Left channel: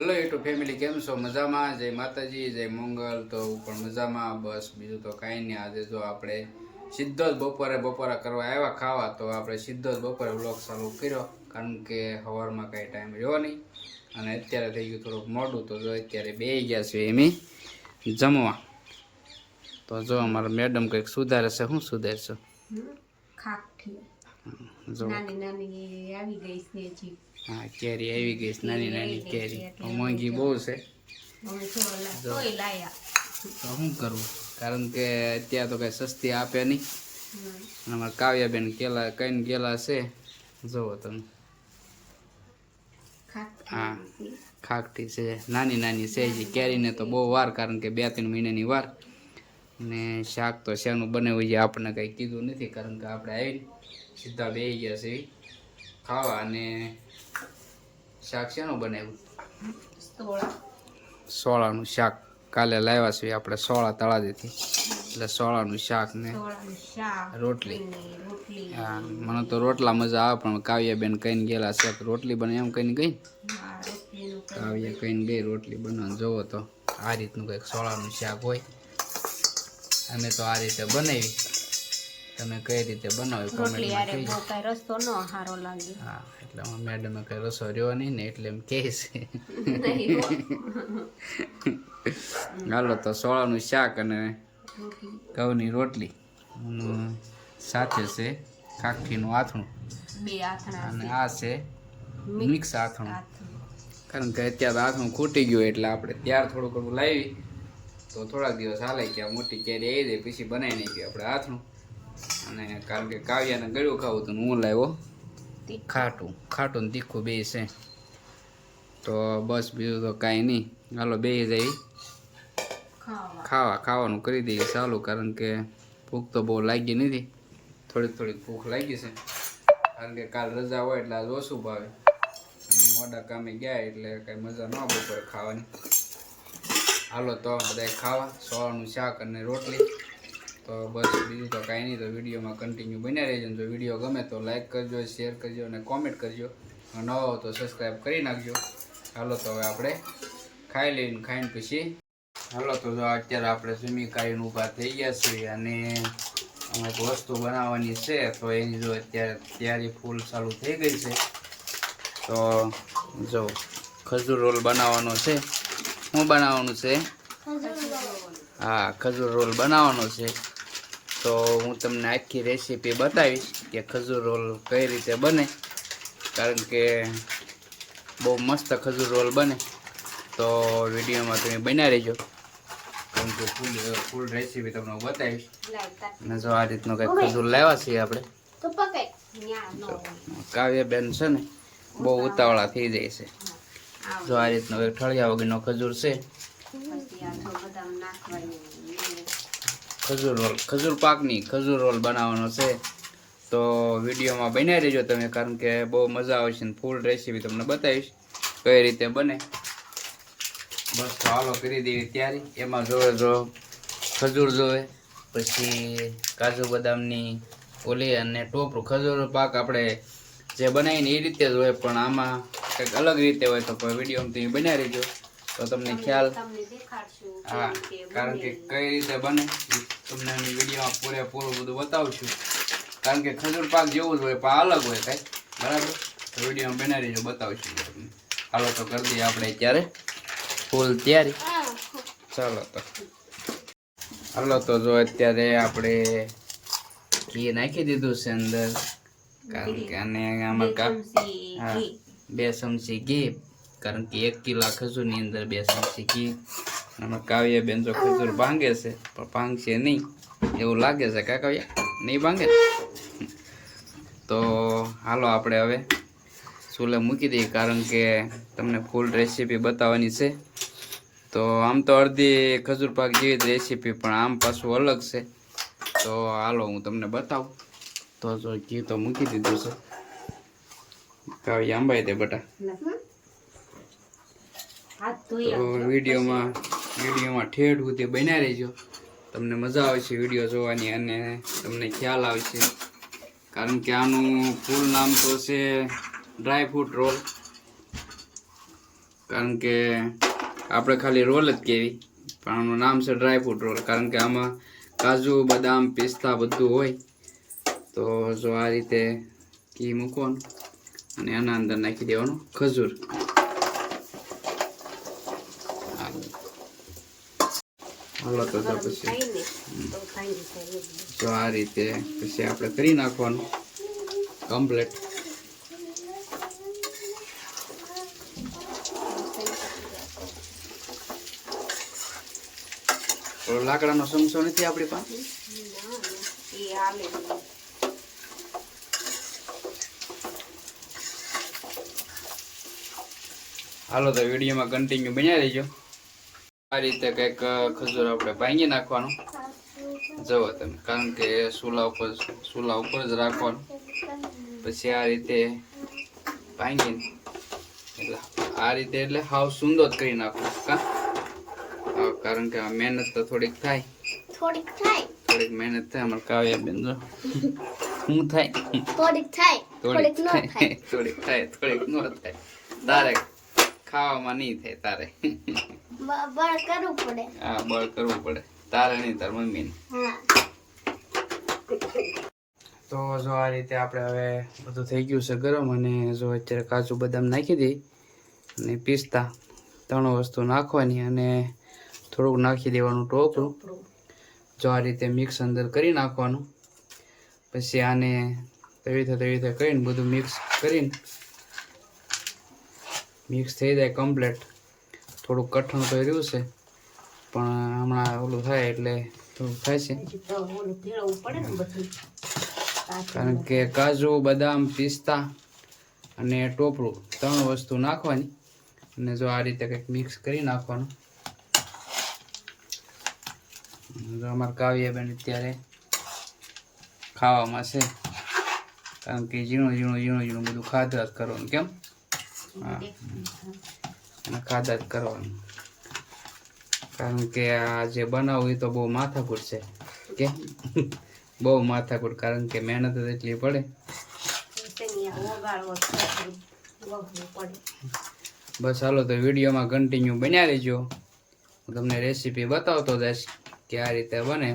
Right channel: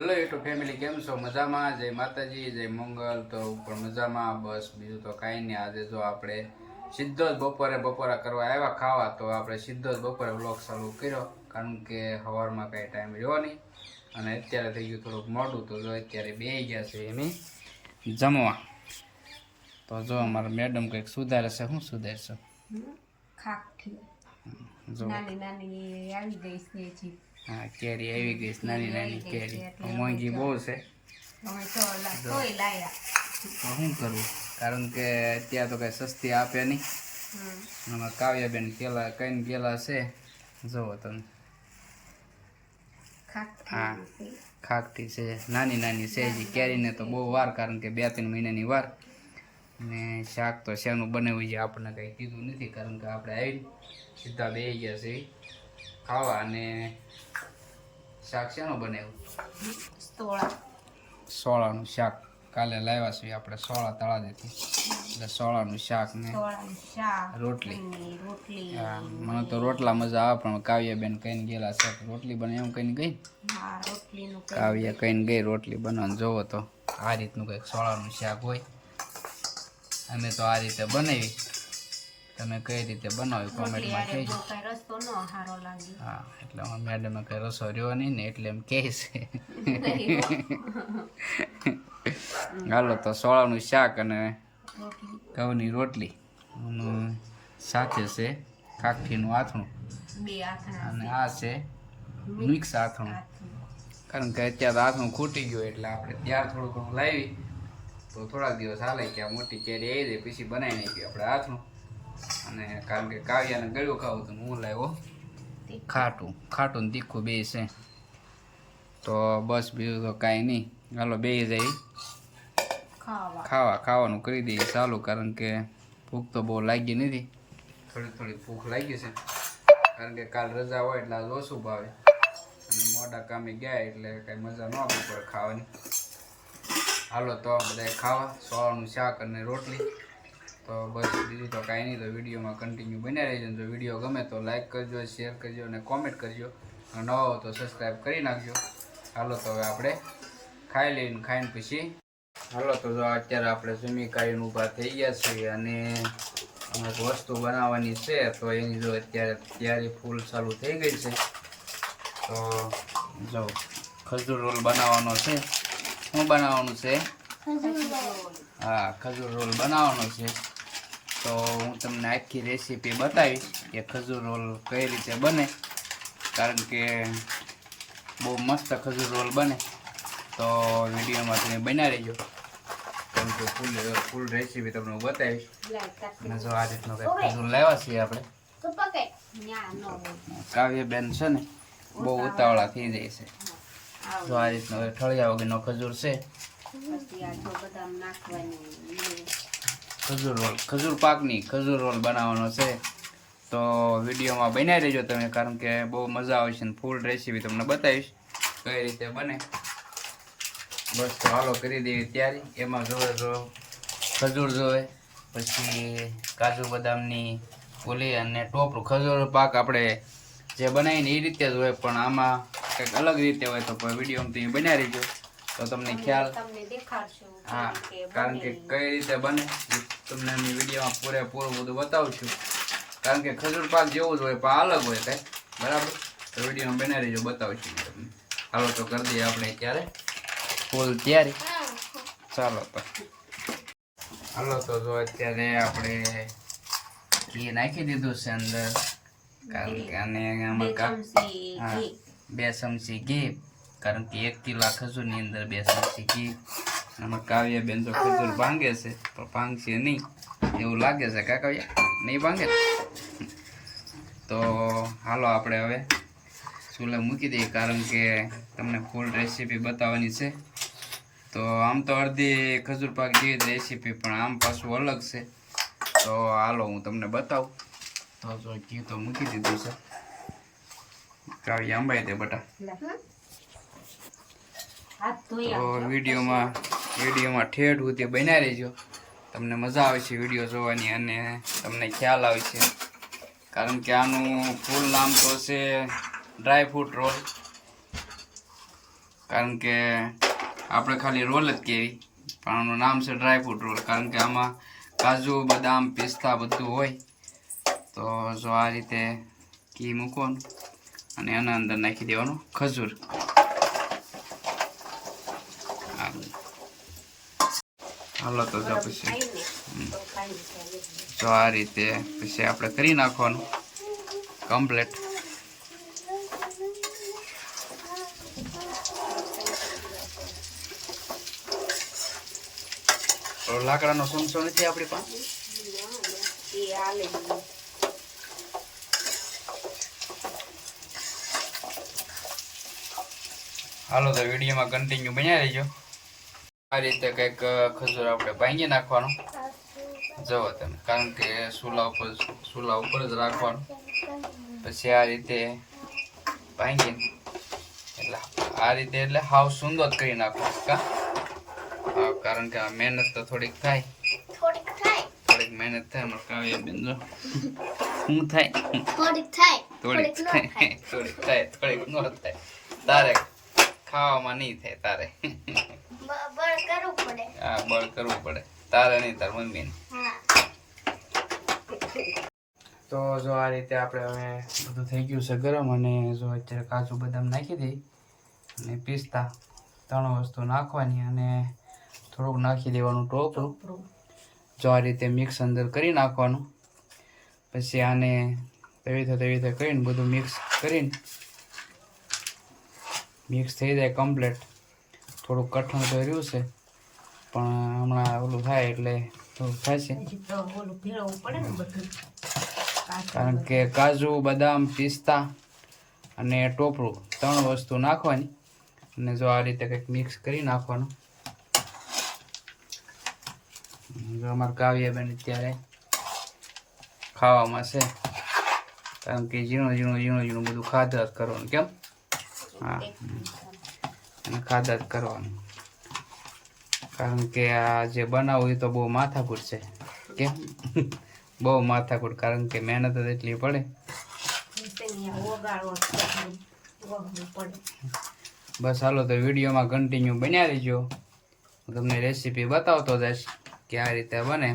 Hello YouTube family, કેમ છો? મજામાં? જય માતાજી, જય મંગલ. તો પણ મજામાં, બસ બીજું તો કાંઈ નહીં. આજે જો આપણે સીધો જ બપોરા કરવા આવ્યા ખાવા, તો આપણે સીધો જ બપોરે વ્લોગ ચાલુ કર્યો, કારણ કે સવારમાં કાંઈ ટાઈમ રહ્યો નહીં અને અત્યારે થઈ ગયું થોડુંક મોડું. તો જો અત્યારે બેસી ગયા છે એમ જમવા. તો જો અમારા મેડમ કંઈક સુધારે છે. શું સુધારે છે? નાની નાની આવી ગઈ છે જી. હા, કેરી આવી ગઈ છે, નાની નાની કેરી. મોંઘી બહુ છે. અમે તોય લાયા. તો શું કરવું, કારણ કે અત્યારે તો કઈ સસ્તી આપે નહીં. અમારા કાવ્યાબેન કેલા કઈને ગેલા છે, જુઓ તમે. હા, ખાકટી છે, નાની નાની છે જી. કેરીને તો બહુ વાર, કારણ કે 2-3 મહિનાની વાર. ને શાક તો શેનું બનાવ્યું છે આપણને કંઈ કીધું નથી, કારણ કે આપણે આવી સીધા બેસી ગયા છે ખાવા. અને શાક શેનું બનાવ્યું? સોળાનું શાક. કાલે લાવ્યા છીએ આપણે સોળા તળા દીધી, એટલે સોળાનું શાક ને રોટલી. હા, મને તો રોટલા મજા આવે, પણ કાવ્યાબેન કહીને ગયેલા છે કે રોટલી બને, એમ કહીને ગઈ. કાવ્યા કહીને ગઈ રોટલી બનાવવાનું. જોવો તો આ રીતનું કંઈક સોળાનું શાક હોય. અમે તો આ રીતે બનાવી. તમે કઈ રીતે બનાવ્યું કોમેન્ટમાં કહેજો. હા, એટલે મેડમે કઈ રસો રહ્યો નહીં ને, એટલે એમ કહે છે. હાલો, તો સોળાનું શાક અને ઘઉંની રોટલી સાથે છે ખાખીનું આથણું, અને આ છે મિક્સ આથણું. કારણ કે અત્યારે આથણું ખૂટી ગયું, એટલે આપણે ત્યાર થોડુંક લાવી તો થોડાક દિવસ હાલે કે આ મોટી કેરી આવી જાય પછી બનાવી નાખીએ આપણે આથણું. અને કારણ કે કાવ્યાને ગળ્યું ખાવું હતું, હું લાવ્યો ખાટું ને તીખું બે છે. તો બસ બીજું તો કાંઈ નહીં. હાલો બે જાય ખાવાનું કરી દઈએ ચાલુ, કારણ કે ભૂખ તો બહુ લાગી નથી. થોડીક ભૂખ લાગી છે, કારણ કે કાલ રજા હોય એટલે આજ ઓછું ભાવે, અને મોડા કામે ગયા એટલે કાંઈ મજા ન આવે બપોરે ખાવાની. હાલો તો બધાએ ખાવા સોળાનું શાક અને રોટલી. તો બસ બીજું તો કાંઈ નહીં. તો વિડીયોમાં કન્ટિન્યુ બન્યા રહેજો. જો વિડીયો ગમે તો લાઈક કરજો, શેર કરજો અને કોમેન્ટ કરજો. નવા હો તો સબસ્ક્રાઈબ કરી નાખજો. હાલો તો હવે આપણે ખાઈ લઈને, ખાઈને પછી હાલો તો જો અત્યારે આપણે જમી ખાઈને ઊભા થઈ ગયા છીએ, અને એક વસ્તુ બનાવવાની છે. તો એની જો અત્યારે તૈયારી ફૂલ ચાલુ થઈ ગઈ છે. તો જો ખજૂર રોલ બનાવવાનો છે. શું બનાવવાનું છે? હા, ખજૂર રોલ બનાવવાનો છે. તો હું તમને આખી રેસીપી બતાવીશ કે ખજૂર રોલ કઈ રીતે બને, કારણ કે બહુ મસ્ત ખજૂર રોલ બને. તો વિડીયોમાં તમે બન્યા રહેજો, કારણ કે ફૂલ રેસીપી તમને હું બતાવીશ. અને જો આ રીતનું કંઈક ખજૂર લાવ્યા છીએ આપણે. કાવ્યાબેન છે ને બહુ ઉતાવળા થઈ જાય છે. જો આ રીતનો ઠળિયા વગરનો ખજૂર છે. ખજૂર પાકની ખજૂર રોલ બનાવવાનો છે. તો વિડીયોમાં બન્યા રહેજો તમે, કારણ કે બહુ મજા આવશે ને ફૂલ રેસીપી તમને બતાવીશ કઈ રીતે બને. બસ તો હાલો કરી દેવી તૈયારી. એમાં જોવે જો ખજૂર જોવે, પછી કાજુ બદામની ઓલી અને ટોપરું. ખજૂર પાક આપણે જે બનાવીને એ રીતે જ હોય, પણ આમાં કંઈક અલગ રીતે હોય. તો વિડીયોમાં તમે બન્યા રહેજો તો તમને ખ્યાલ. હા, કારણ કે કઈ રીતે બને તમને અમે વિડીયોમાં પૂરેપૂરું બધું બતાવશું, કારણ કે ખજૂર પાક જેવું જ હોય પણ અલગ હોય કંઈ. બરાબર? તો વિડીયોમાં બના રહેજો, બતાવશું તમને. હાલો તો કરી દઈએ આપણે અત્યારે ફૂલ તૈયારી. ચાલો તો હાલો તો જો અત્યારે આપણે ઘી નાખી દીધું છે અંદર, કારણ કે આને આમાં 2 ચમચી ઘી, કારણ કે 1 કિલો ખજૂરની અંદર 2 ચમચી ઘી. આમાં કાવ્યાબેન તો ખજૂર ભાંગે છે, પણ ભાંગશે નહીં એવું લાગે છે. કાવ્યા નહીં ભાંગે ને? તો હાલો આપણે હવે ચૂલે મૂકી દઈએ, કારણ કે તમને ફૂલ રેસીપી બતાવવાની છે. તો આમ તો અડધી ખજૂર પાક જેવી જ રેસીપી, પણ આમ પાછું અલગ છે. તો હાલો હું તમને બતાવું. તો જો ઘી તો મૂકી દીધું છે. કાવ્યા અંબાઈ દે બટા. તો વિડીયોમાં ઠેઠ સુધી બન્યા રહેજો. તમને મજા આવશે વિડીયો જોવાની, અને તમને ખ્યાલ આવશે, કારણ કે આનું ફૂલ નામ તો છે ડ્રાય ફ્રૂટ રોલ. કારણ કે આપણે ખાલી રોલ જ કહેવી પણ આનું નામ છે ડ્રાયફ્રૂટ રોલ, કારણ કે આમાં કાજુ બદામ પિસ્તા બધું હોય. તો જો આ રીતે ઘી મૂકવાનું અને આના અંદર નાખી દેવાનું ખજૂર. હાલો તો જો પછી જો આ રીતે પછી આપણે કરી નાખવાનું કમ્પ્લીટ. લાકડાનો ચમચો નથી આપણી પાસે? હાલો તો વિડીયોમાં કન્ટિન્યુ બન્યા રહેજો. આ રીતે કંઈક ખજૂર આપણે ભાંગી નાખવાનું જુઓ તમે, કારણ કે ચૂલા ઉપર જ રાખવાનું. પછી આ રીતે ભાંગીને એટલે આ રીતે એટલે હાવ સુંદર જ કરી નાખવાનું કા. કારણ કે આ મહેનત તો થોડીક થાય, થોડીક મહેનત થાય. અમારે કાવ્યા બેન જો શું થાય, થોડીક થાય, થોડીક ન થાય. તારે ખાવામાં નહીં થાય, તારે બળ કરવું પડે. હા, બળ કરવું પડે, તારે નહીં, તાર મમ્મીને. તો જો આ રીતે આપણે હવે બધું થઈ ગયું છે ગરમ, અને જો અત્યારે કાજુ બદામ નાખી દઈ અને પિસ્તા 3 વસ્તુ નાખવાની અને થોડુંક નાખી દેવાનું ટોપરું. જો આ રીતે મિક્સ અંદર કરી નાખવાનું. પછી આને તવી કરીને બધું મિક્સ કરીને મિક્સ થઈ જાય કમ્પ્લીટ. થોડુંક કઠણ તો રહ્યું છે પણ હમણાં ઓલું થાય એટલે થોડુંક થાય છે, કારણ કે કાજુ બદામ પિસ્તા અને ટોપરું 3 વસ્તુ નાખવાની. અને જો આ રીતે કંઈક મિક્સ કરી નાખવાનું. જો અમારે કાવ્યાબેન અત્યારે ખાવામાં છે, કારણ કે ઝીણું બધું ખાધા જ કરવાનું. કેમ? હા, અને ખાધા જ કરવાનું, કારણ કે આ જે બનાવવું એ તો બહુ માથાકૂટ છે. કેમ? બહુ માથાકૂટ, કારણ કે મહેનત જ એટલી પડે. બસ હાલો તો વિડીયોમાં કન્ટિન્યુ બન્યા રહેજો. હું તમને રેસીપી બતાવતો જઈશ કે આ રીતે બને.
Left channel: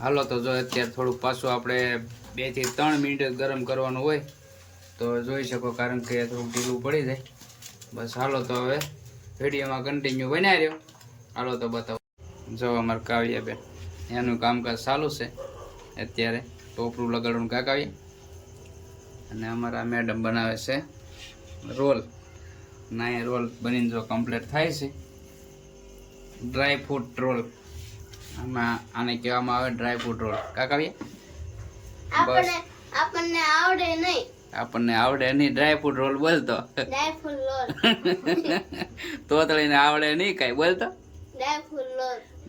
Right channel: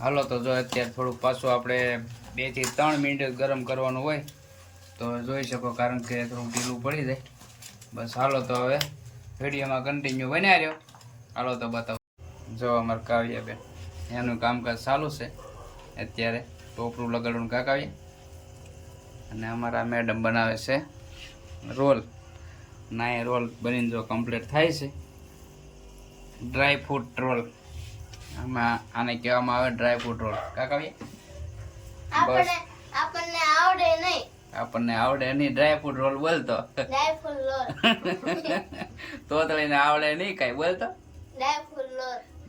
હાલો તો જો અત્યારે થોડુંક પાછું આપણે 2 થી 3 મિનિટ ગરમ કરવાનું હોય તો જોઈ શકો, કારણ કે થોડુંક ઢીલું પડી જાય. બસ હાલો તો હવે વિડીયોમાં કન્ટિન્યુ બન્યા રહ્યો. હાલો તો બતાવો. જો અમારે કાવ્યાબેન એનું કામકાજ ચાલુ છે અત્યારે, ટોપરું લગાડવાનું કાવ્યા. અને અમારા મેડમ બનાવે છે રોલ. ના એ રોલ બનીને જો કમ્પ્લીટ થાય છે, ડ્રાય ફ્રૂટ રોલ. આમાં આને કહેવામાં આવે ડ્રાય ફ્રૂટ રોલ. કાવ્યા બસ આપણને આવડે નહીં ડ્રાય ફ્રૂટ રોલ બોલતો. તોતળીને આવડે નહીં કઈ બોલતો.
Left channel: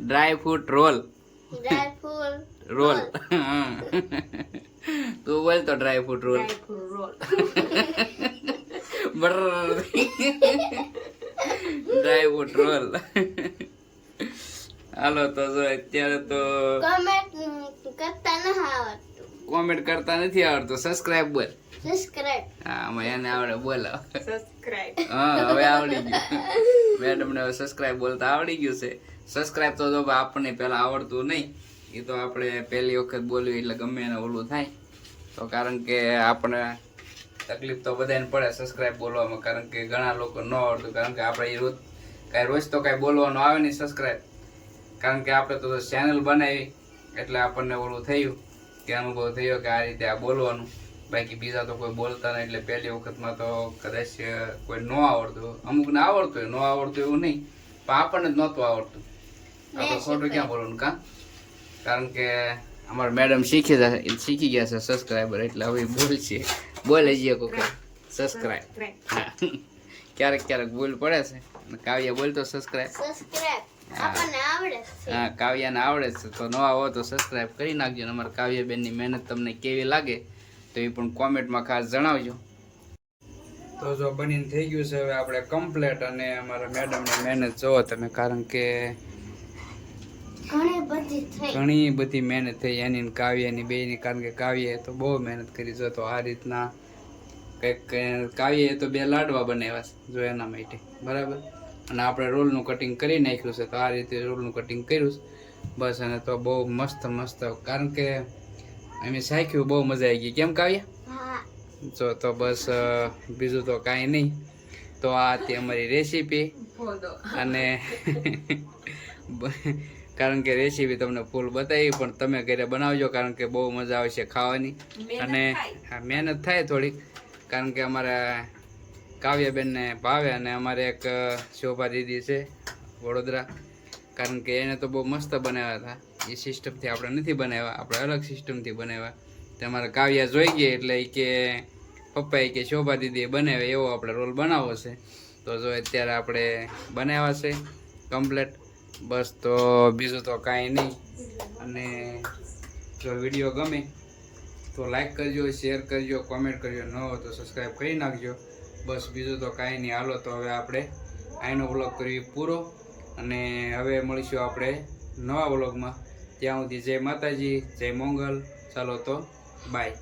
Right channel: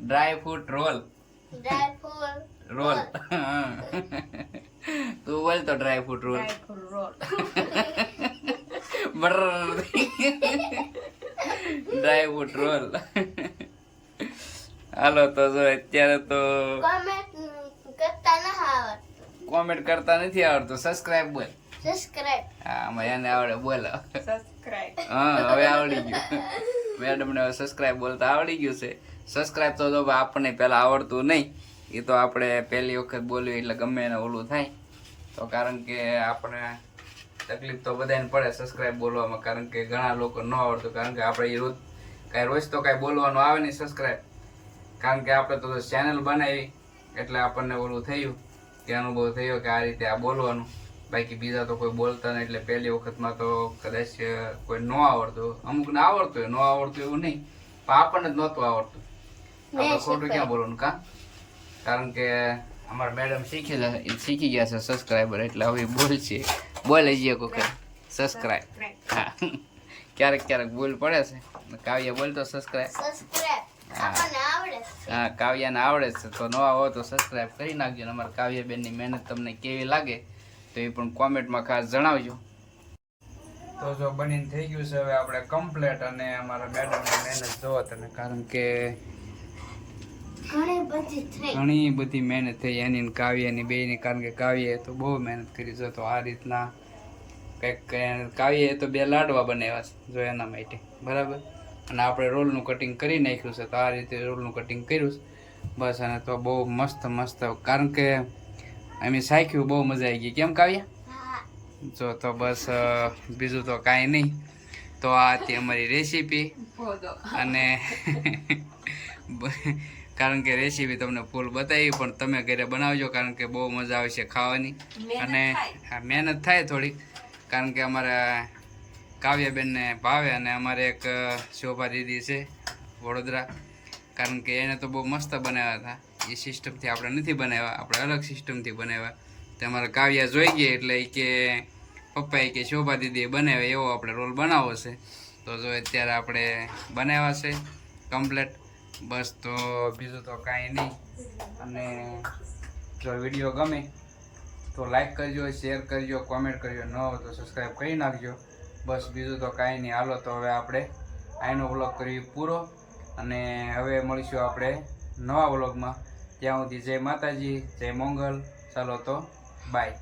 Dry fruit roll roll. તું બોલતો dry fruit roll. Dry fruit roll. હાલો તો જો અત્યારે તો કોમેન્ટ કરતા નથી આવડતું. સબસ્ક્રાઇબ બોલ. હા, આમાં એને આવડે બોલો. હા, હવે આવડી ગયું. મેડમને હવે સબસ્ક્રાઇબ બોલતા આવડી ગયું છે. સબસ્ક્રાઇબ તો જો આપણને પહેલા આવડતું નહીં, એ તો આપણે પહેલી વખત બોલવી એટલે ગમે એને ઓલું થાય. તો કારણ કે આપણે તકલીફ તો બધાને પડે સબસ્ક્રાઇબ બોલવામાં, કારણ કે ઘણા લોકો ન આવડતું, કારણ કે આપણે રોજ તો કાંઈ બોલવાનું આવે નહીં સબસ્ક્રાઇબ, કારણ કે આપણે તો ચેનલ બનાવી એટલે આપણને ઓલું થયું કે અનુભવ થયો કે આ રીતે આ બોલવાનું. બાકી બીજા તો કોઈ બોલતા નહીં, એટલે પહેલી વખતમાં તો કદાચ કોઈ ન આવડતું. અમુકને આવડતું હોય, ન આવડતું એવું નહીં, પણ આપણને જ નહોતું આવડતું. આપણે ખોટું ક્યાં બોલવાનું કાં, કારણ કે અમારા મેડમ શીખી ગયા છે સબસ્ક્રાઈબર, એટલે હવે બોલે જઈએ કોઈ સબસ્ક્રાઈબ. હા, ક્યારેક ભૂલ પડે છે. કાવ્યા બોલતો સબસ્ક્રાઈબ. હા, કાવ્યાને આવડે છે, તો નવા હોય તો સબસ્ક્રાઈબ કરી નાખજો. અને અમારા કાવ્યાબેનની મહેનત તમને કેવી લાગે તો એ પણ કોમેન્ટમાં ખાસ જણાવજો. તો જો બનીને થઈ ગયું છે હવે આપણે કમ્પ્લીટ. અને અમારા મેડમની મહેનત જુઓ તમે, કારણ કે ઘણી બધી મહેનત થઈ એની કાવ્યાની બેયની, કારણ કે કાવ્યાએ તો બહુ મહેનત કરી છે. તો આ રીતના કંઈક કાવ્યએ તો 2 લાડવા બનાવ્યા છે જો એના માટે બરાબર. અને આપણે રોલનું કટિંગ કરી નાખ્યું છે, તો આ રીતે રોલનું કટિંગ કર્યું છે બસ. અને તો બહુ મસ્ત મસ્ત, કારણ કે અમે શાખ્યું બહુ મજા આવી ગઈ. કેમ કાવ્યા? જો તો બસ બીજું તો કાંઈ નહીં. તો આ હતી અમારી રેસીપી. અને કારણ કે રેસીપી તમને ફૂલ બતાવી, પણ તમે ઘરે બનાવજો, કારણ કે બહુ મજા આવશે ખાવાની. અને મહેનત થાય થોડીક, કારણ કે અમારા કાવ્યાબેનને ભાવે. અને અમારે એક શોભા દીદી છે વડોદરા, કારણ કે એને તો બહુ મસ્ત બનાવ્યા હતા. એ સિસ્ટમથી આપણે નથી બનાવ્યા, આપણે અલગ સિસ્ટમથી બનાવ્યા. તો અમારા કાવ્યા જોઈ ગઈ એટલે કે પપ્પાએ કે શોભા દીદીએ બનાવે એવો આપણે રોલ બનાવવો છે. તો જો અત્યારે આપણે બનાવ્યા છે કમ્પ્લેટ બસ. તો બીજું તો કાંઈ નહીં. અને જો વિડીયો ગમે તો લાઈક કરજો, શેર કરજો, કોમેન્ટ કરજો, ન હોય તો સબસ્ક્રાઈબ કરી નાખજો બસ. બીજું તો કાંઈ નહીં. હાલો તો હવે આપણે આનો વ્લોગ કરવી પૂરો. અને હવે મળીશું આપણે નવા વ્લોગમાં. ત્યાં સુધી જય માતાજી, જય મંગલ. ચાલો તો બાય.